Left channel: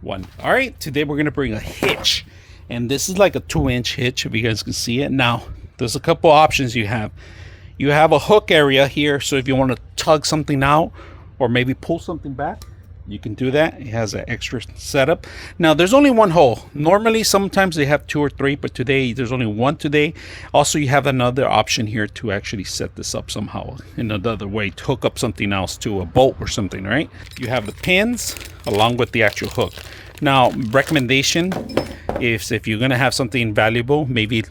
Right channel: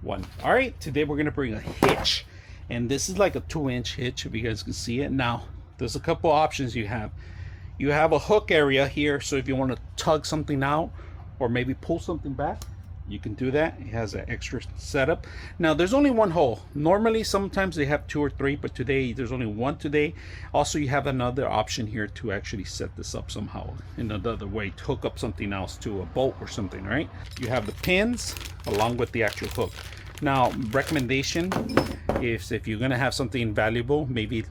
one. All right, today we're gonna bring a hitch, and this is like a 2-inch hitch if you guys can see it. Now there's a couple options you have. You have a hook area here, so if you want to tug something out or maybe pull something back, you can do that. It has an extra setup. Now there's only one hole. Normally sometimes they have 2 or 3, but today there's only one today. Also, you have another option here to actually set this up somehow in another way to hook up something else to a boat or something, right? You have the pins along with the actual hook. Now, recommendation is if you're gonna have something valuable, maybe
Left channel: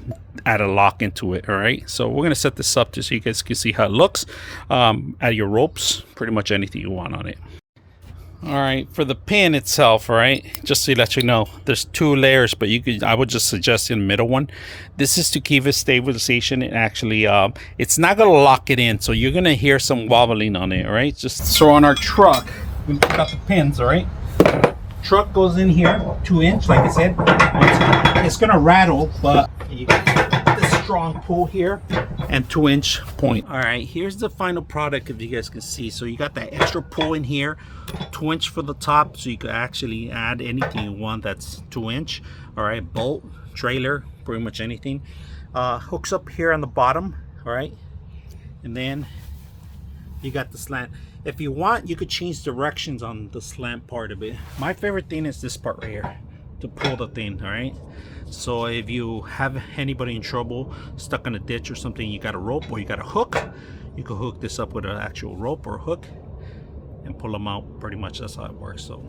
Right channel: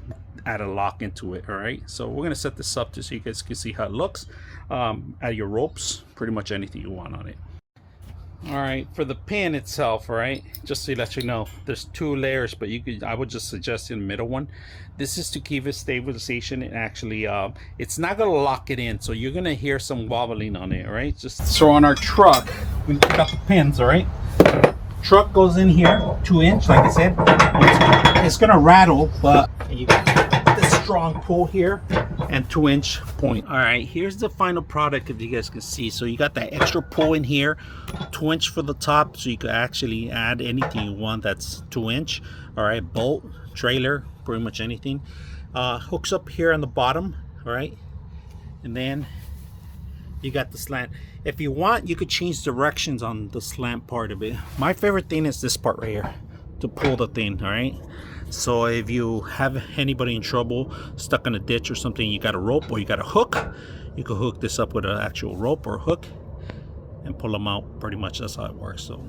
add a lock into it. All right, so we're gonna set this up just so you guys can see how it looks. Add your ropes, pretty much anything you want on it. All right, for the pin itself, all right, just to let you know, there's 2 layers, but I would just suggest in the middle one. This is to keep it stabilization. And actually it's not gonna lock it in, so you're gonna hear some wobbling on it. All right, just so on our truck we got the pins. All right, truck goes in here 2-inch, like I said. It's gonna rattle, but you got this strong pull here and 2-inch point. All right, here's the final product, if you guys can see. So you got that extra pull in here, 2-inch for the top, so you could actually add anything you want that's 2-inch. All right, bolt, trailer, pretty much anything. Hooks up here on the bottom. All right, and then you got the slant. If you want, you could change directions on the slant part of it. My favorite thing is this part right here to pull the thing. All right, so if you have anybody in trouble, stuck in a ditch or something, you got a rope or you got a hook, you can hook this up with an actual rope or hook and pull them out. Pretty much that's how it works. So